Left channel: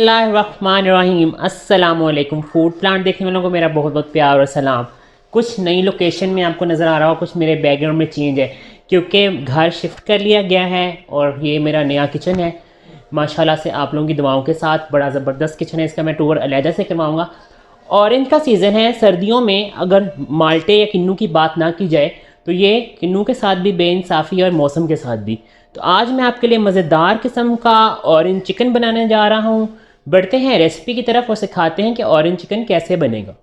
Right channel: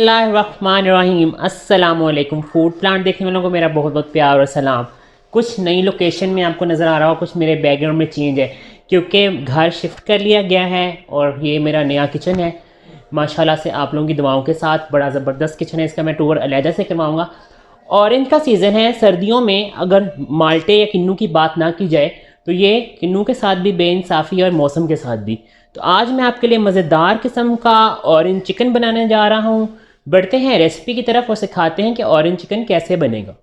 बिस्मिल्लाहिर्रहमानिर्रहीम। अस्सलामुअलैकुम। Food plant देखने वालों को मेरा बहुत बहुत प्यार और सलाम। कुछ नई लोकेशन में आपको नज़र आ रहा हो, कुछ मेरे बैकग्राउंड में चेंज है क्योंकि घर शिफ्ट कर लिया गया है और ये मेरा नया किचन है। माशाल्लाह से आप लोगों की दुआओं के साथ बड़ा ज़बरदस्त किचन है। इसका मैं टूर अलहदा से करवाऊँगा। ऑरेंज का सीज़न है, सर्दियों में अगर माल्टे या किन्नू की बात ना की जाए तो ये किन्नू के साथ भी बेइंसाफ़ी है और मौसम के साथ भी। तो आज मैं आपके लिए मज़ेदार किस्म का ऑरेंज चिकन बनाने जा रहा हूँ। बढ़ते हैं रेसिपी की तरफ और सिखाते हैं कि ऑरेंज चिकन कैसे बनेगा।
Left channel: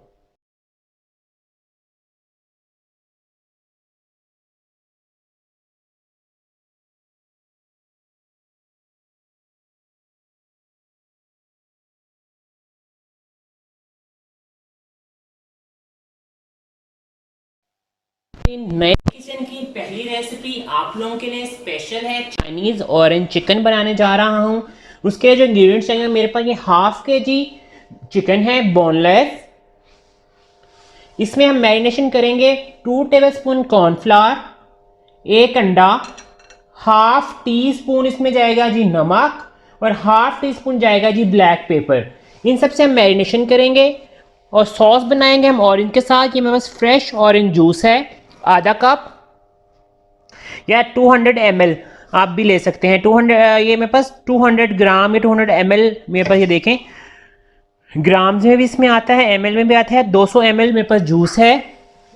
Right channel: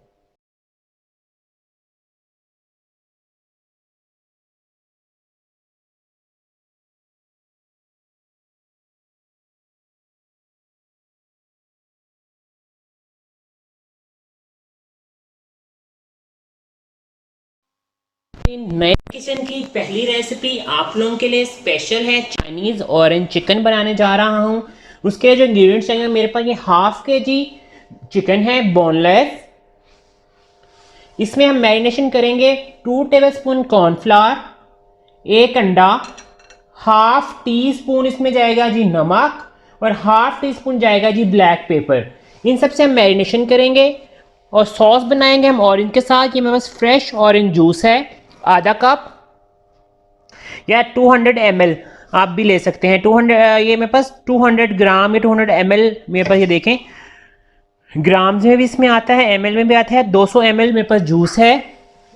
नए किचन की पहली रेसिपी आप लोगों के लिए स्पेशल है। चाइनीज़ ऑरेंज चिकन बनाने जा रहा हूँ। उसके जो इंग्रेडिएंट्स चाहिए, मेरे पास ये हाफ के जी चिकन है बोनलेस। इसमें हम मैरिनेशन करेंगे 2 टेबलस्पून कॉर्नफ्लावर, 1 अंडा, हाफ टी स्पून इसमें जाएगा जी नमक और हाफ टी स्पून जाएगा जी ब्लैक पेपर। इन सब से हम मैरिनेशन करेंगे और सॉस बनाएंगे हम ऑरेंज के साथ। ये मेरे पास फ्रेश ऑरेंज जूस है आधा कप या 200 ml आप भी ले सकते हैं। 200 ये मेरे पास 200 ग्राम या 200 ml मेरे पास, ये देखें ग्राम्स में भी इसमें आता है, ml में भी आता है। 200 ml मेरे पास जूस है।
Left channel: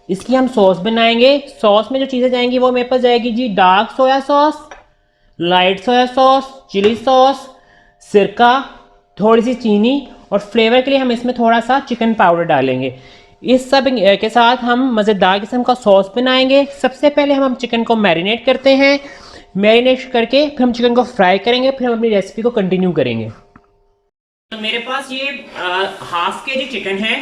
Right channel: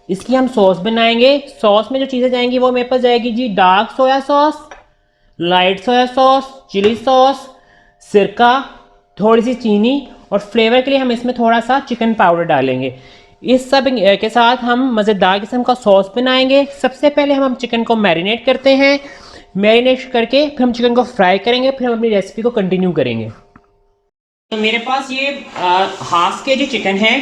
इसकी हम सॉस बनाएंगे। सॉस में जो चीज़ें जाएंगी वो मेरे पास जाएगी जी dark soya sauce, light soya sauce, chilli sauce, सिरका, थोड़ी सी चीनी और फ्लेवर के लिए हम इसमें थोड़ा सा चिकन पाउडर डालेंगे। इस सब के साथ हम मज़ेदार किस्म का सॉस बनाएंगे। सबसे पहले हम चिकन को मैरिनेट करते हैं। मैरिनेट करके फिर हम चिकन को फ्राई करेंगे, फिर हम अपनी रेसिपी को कंटिन्यू करेंगे। तो मेरे पास ये हाफ के जी चिकन है।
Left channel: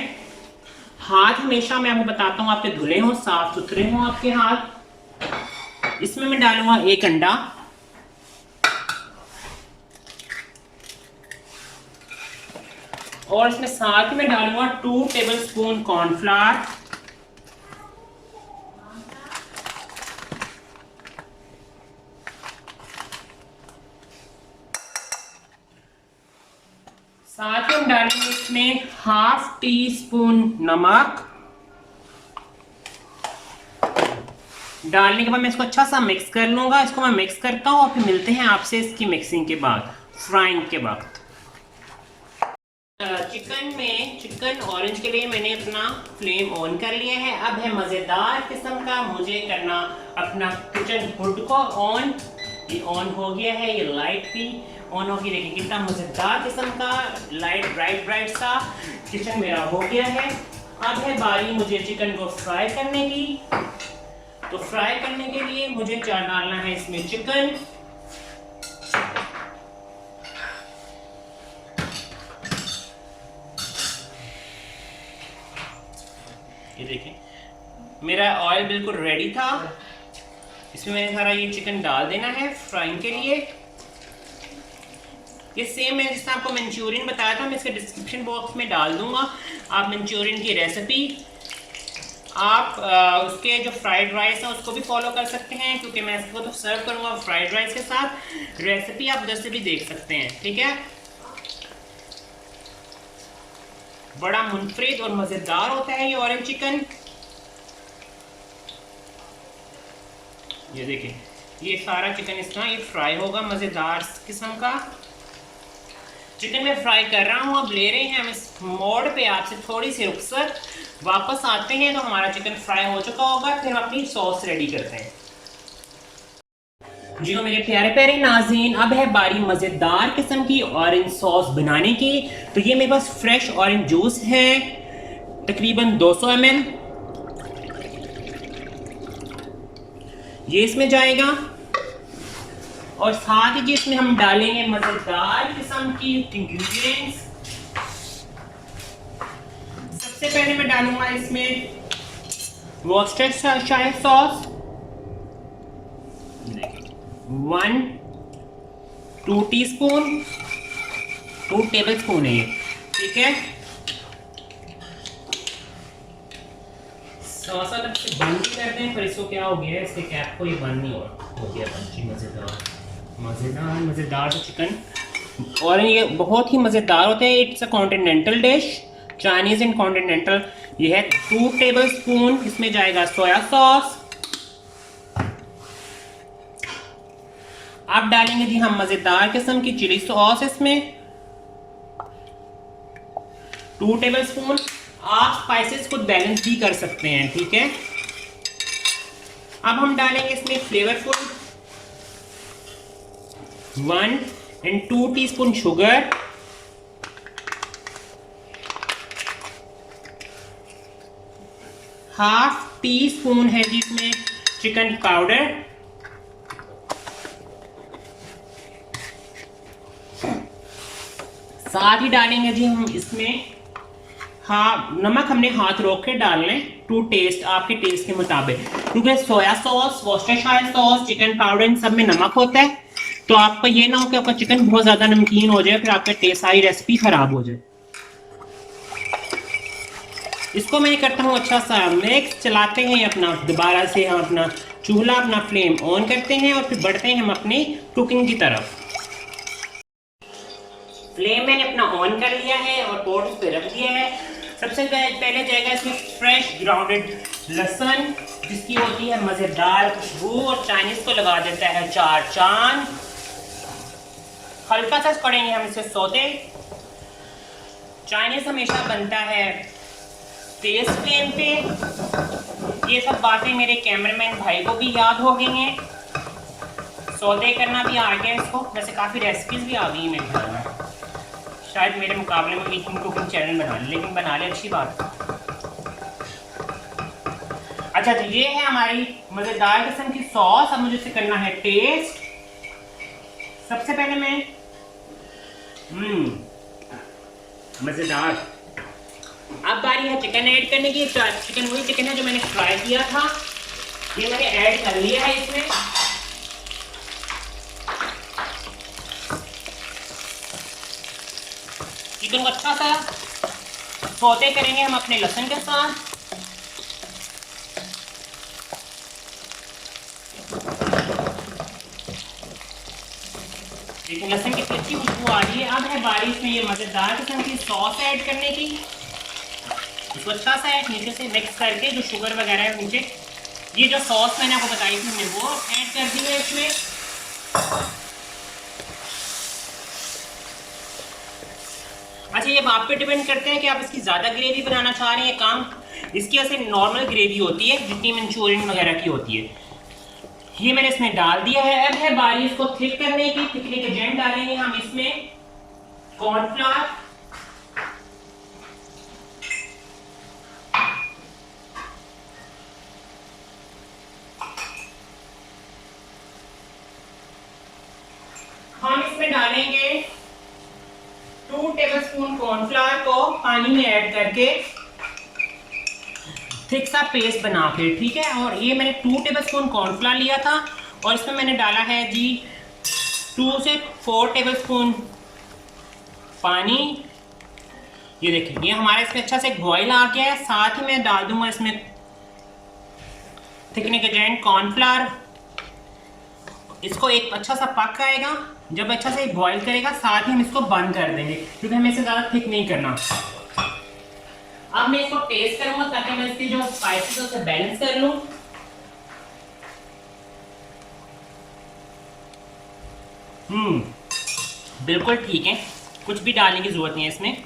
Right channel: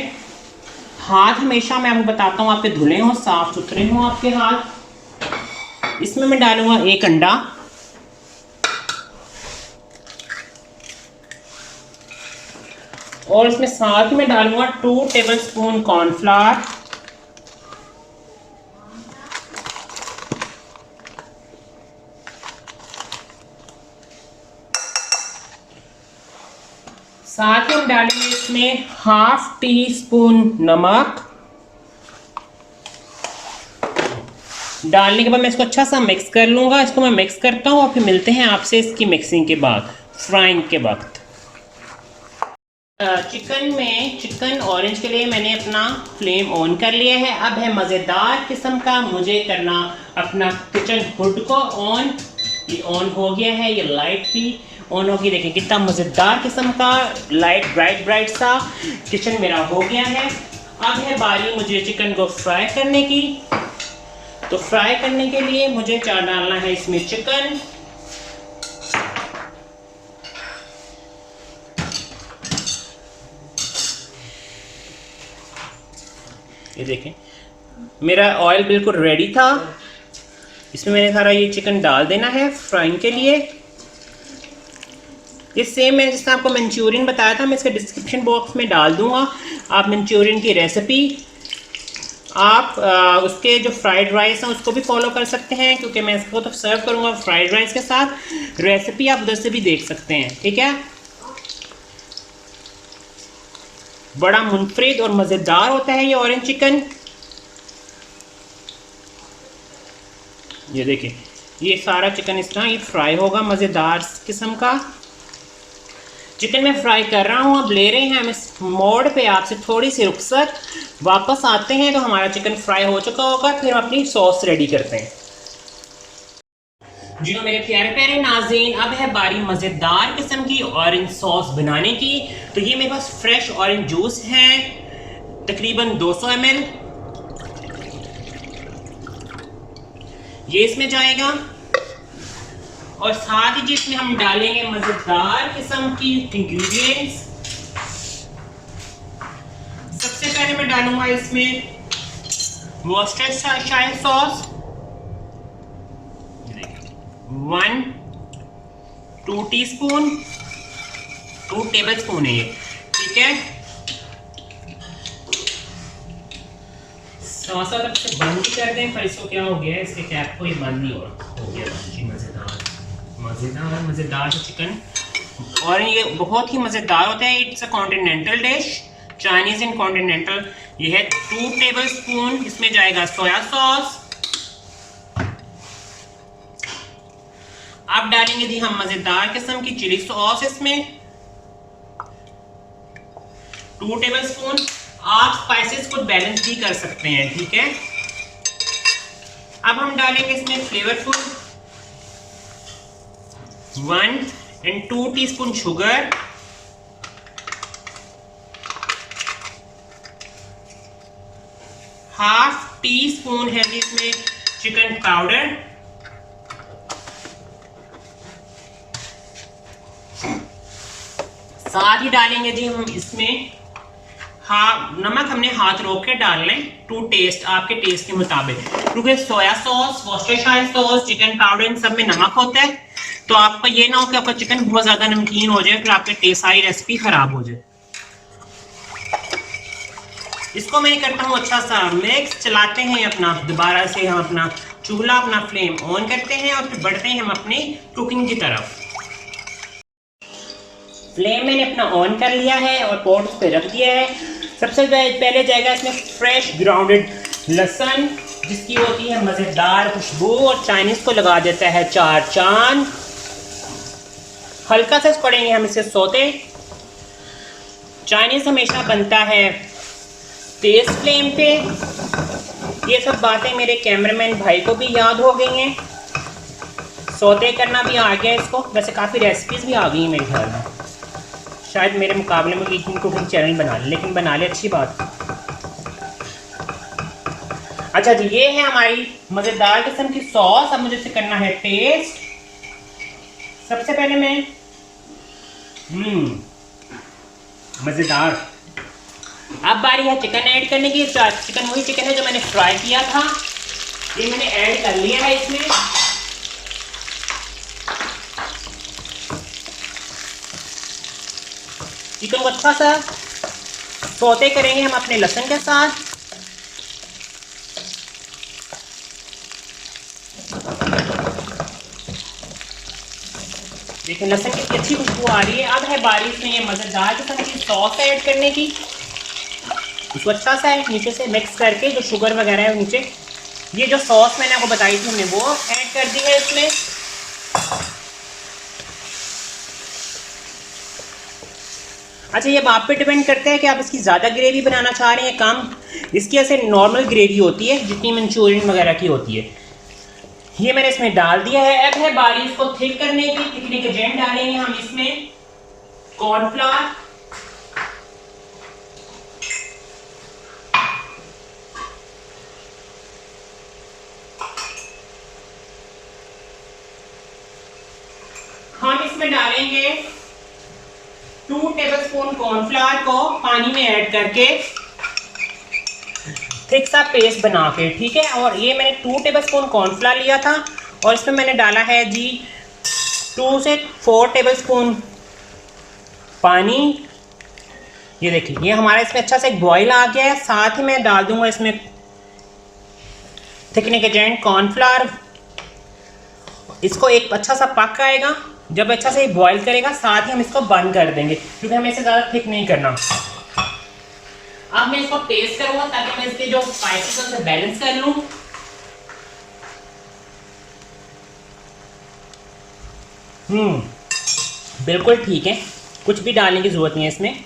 हाथ हमेशा मैं आपको बताता हूँ आपके धुले हों, साफ सुथरे हों आपके हाथ। इसमें मैं डालूंगा 1 अंडा, और इसमें साथ ही मैं डालूंगा 2 टेबलस्पून कॉर्नफ्लावर, साथ ही हम डालेंगे इसमें हाफ टी स्पून नमक। डालने के बाद मैं इसको अच्छा सा मिक्स कर लूँगा। इसको मैं मिक्स करता हूँ और फिर मिलते हैं आपसे इसकी मिक्सिंग के बाद, फ्राइंग के वक्त। चिकन ऑरेंज के लिए मैंने अपना फ्लेम ऑन कर लिया है। अब है मज़ेदार किस्म का मुझे करना अपना किचन हुड को ऑन। ये ऑन हो गया है, ये लाइट भी ऑन होगी। देखिए कितना मज़ेदार किस्म का लाइट ब्राइट ब्राइट सा किचन मेरा हो गया है। अब है बारी मुझे चिकन को फ्राई करने की। तो फ्राई करने के लिए मुझे क्या डालना है इसमें चिकन। ये देखें मेरा ऑयल बिल्कुल रेडी था। इसमें मैंने सारा ये चिकन डाल देना है फ्राइंग के लिए। ये सेम मैंने जिसने आपको मंचूरियन बताया था, मैं इसके डिस्क्रिप्शन बॉक्स में डाल दूंगा। आप मंचूरियन की रेसिपी आप उसके जो फ्राइड राइस है उसको भी फॉलो कर सकते हैं, क्योंकि मैं इसको तो सर्व करूंगा फ्राइड राइस के साथ। रेसिपी आप उधर से भी देख सकते हैं, ठीक है। बड़ा मुनफरिद और मज़ेदार होता है ये ऑरेंज चिकन। ये देखिए ये सारा चिकन इस तरह ये फ्राई होगा, मज़ेदार किस्म का चिकन मैं फ्राई कर रहा हूँ। अब ले रहे हैं हम इस मोड़ पे आपसे थोड़ी सी रुखसत, वापस आते हैं तो हमारा चिकन फ्राई हो चुका होगा। फिर हम अपनी सॉस रेडी करते हैं। जी हाँ मेरे प्यारे प्यारे नाज़रीन, अब है बारी मज़ेदार किस्म की ऑरेंज सॉस बनाने की। तो ये मेरे पास फ्रेश ऑरेंज जूस है तकरीबन 200 ml, ये इसमें जाएगा। और साथ ही जिसमें हम डालेंगे मज़ेदार किस्म की इंग्रेडिएंट्स। सबसे पहले मैं डालूंगा इसमें वॉर्सेस्टरशायर सॉस 2 टीस्पून, 2 टेबलस्पून है ये, ठीक है। सॉस तक से बंद कर दें, फिर इसको क्या हो गया है इसके कैप को ये बंद नहीं हो गया। जी मज़ेदार मज़ेदार मज़ेदार चिकन और ये बहुत ही मज़ेदार होता है। It's a continental dish, Chinese and continental. ये है 2 टेबल स्पून, इसमें जाएगा सोया सॉस। अब डालेंगे जी हम मज़ेदार किस्म की चिली सॉस इसमें 2 टेबल स्पून। आप स्पाइसेस को बैलेंस भी कर सकते हैं, ठीक है। अब हम डालेंगे इसमें flavourful 1 and 2 teaspoon sugar, ½ teaspoon है जिसमें चिकन पाउडर, साथ ही डालेंगे जी हम इसमें नमक हमने हाथ रोक के डाल लें टू टेस्ट, आपके टेस्ट के मुताबिक, क्योंकि soya sauce, Worcestershire sauce, chicken powder इन सब में नमक होता है। तो आपका ये ना हो कि आपका चिकन बहुत ज़्यादा नमकीन हो जाए, फिर आपका टेस्ट सारी रेसिपी ख़राब हो जाए। इसको मैं करता हूँ अच्छा सा मिक्स, चलाते हैं अपना, दोबारा से हम अपना चूल्हा, अपना फ्लेम ऑन करते हैं और फिर बढ़ते हैं हम अपनी कुकिंग की तरफ। फ्लेम मैंने अपना ऑन कर लिया है और पॉट उस पर रख दिया है। सबसे पहले जाएगा इसमें फ्रेश ग्राउंडेड लहसुन, जिसकी होती है मज़ेदार खुशबू और चाइनीज़ को लगा देता है 4 चांद। हल्का सा पड़ेंगे हम इसे सोते। चाइनीज़ हमेशा बनता है तेज फ्लेम पे। ये सब बातें मेरे कैमरामैन भाई को भी याद हो गई हैं। सौते करना भी आ गया इसको। वैसे काफ़ी रेसिपीज़ भी आ गई हैं मेरे घर में, शायद मेरे मुकाबले में ईटिंग कुकिंग चैनल बना ले, लेकिन बना ले अच्छी बात। अच्छा जी, ये है हमारी मज़ेदार किस्म की सॉस। अब मुझे इसे करना है टेस्ट। सबसे पहले मैं मज़ेदार। अब बारी है चिकन ऐड करने की। चिकन वही चिकन है जो मैंने फ्राई किया था, ये मैंने ऐड कर लिया है इसमें। चिकन को अच्छा सा सौते करेंगे हम अपने लहसुन के साथ। देखिए लहसुन की अच्छी खुशबू आ रही है। अब है बारी इसमें ये मज़ेदार किस्म की सॉस ऐड करने की। इसको अच्छा सा नीचे से मिक्स करके, जो शुगर वगैरह है नीचे, ये जो सॉस मैंने आपको बताई थी हमने वो ऐड कर दी है इसमें। अच्छा, ये आप पे डिपेंड करता है कि आप इसकी ज़्यादा ग्रेवी बनाना चाह रहे हैं, कम। इसकी ऐसे नॉर्मल ग्रेवी होती है जितनी मंचूरियन वगैरह की होती है। ये मैंने इसमें डाल दिया है। अब है बारी इसको थिक करने की। थिकनिंग एजेंट डालेंगे हम इसमें कॉर्नफ्लावर, हम इसमें डालेंगे 2 टेबलस्पून कॉर्नफ्लावर को पानी में ऐड करके थिक सा पेस्ट बना के, ठीक है। और ये मैंने 2 टेबलस्पून कॉर्नफ्लावर लिया था और इसमें मैंने डाला है जी 2 से 4 टेबलस्पून पानी। ये देखिए, ये हमारा इसमें अच्छा सा एक बॉईल आ गया है। साथ ही मैं डाल दूंगा इसमें थिकनिंग एजेंट कॉर्नफ्लावर। इसको एक अच्छा सा पक आएगा, जब अच्छा से बॉईल करेगा, साथ ही हम इसको बंद कर देंगे क्योंकि हमें इसे ज़्यादा थिक नहीं करना। अब मैं इसको टेस्ट करूंगा ताकि मैं इसके जो स्पाइसेस से बैलेंस कर लूं। बिल्कुल ठीक है, कुछ भी डालने की ज़रूरत नहीं है इसमें,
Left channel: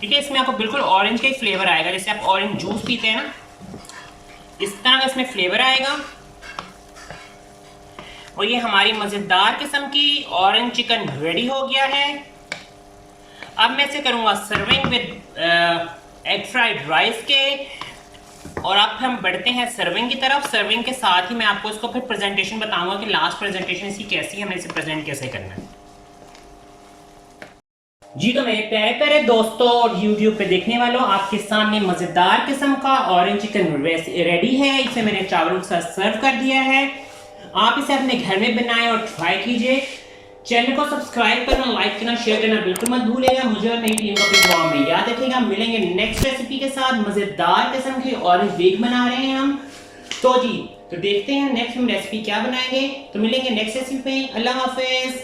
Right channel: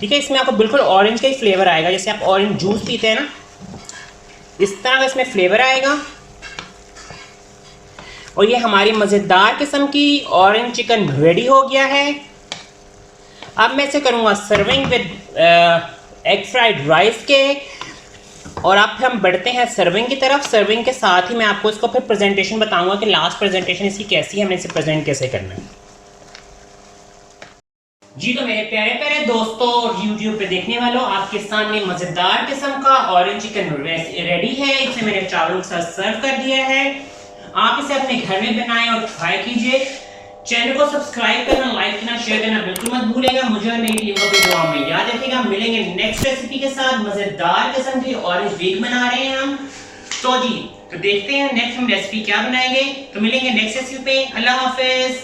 ठीक है। इसमें आपको बिल्कुल ऑरेंज का ही फ्लेवर आएगा, जैसे आप ऑरेंज जूस पीते हैं ना, इस तरह का इसमें फ्लेवर आएगा। और ये हमारी मज़ेदार किस्म की ऑरेंज चिकन रेडी हो गया है। अब मैं इसे करूँगा serving with egg fried rice के। और अब हम बढ़ते हैं सर्विंग की तरफ। सर्विंग के साथ ही मैं आपको इसको फिर प्रेजेंटेशन बताऊंगा कि लास्ट प्रेजेंटेशन इसकी कैसी है, हमें इसे प्रेजेंट कैसे करना है। जी तो मेरे प्यारे प्यारे दोस्तों और यूट्यूब पे देखने वालों, आपके सामने मज़ेदार किस्म का ऑरेंज चिकन रेडी है। इसे मैंने चावलों के साथ सर्व कर दिया है। आप इसे अपने घर में बनाएं और ट्राई कीजिए। चैनल को सब्सक्राइब करना, लाइक करना, शेयर करना बिल्कुल मत भूलिएगा। मुझे और मेरी टीम को अपनी दुआ में याद रखिएगा। मिलेंगे नेक्स्ट रेसिपी के साथ। मज़ेदार किस्म की ऑरेंज वेग बना रहे हैं हम, तो जी तो देखते हैं नेक्स्ट हम रेसिपी क्या बनाएंगे। तो मिलेंगे नेक्स्ट रेसिपी पे। अल्लाह हाफिज।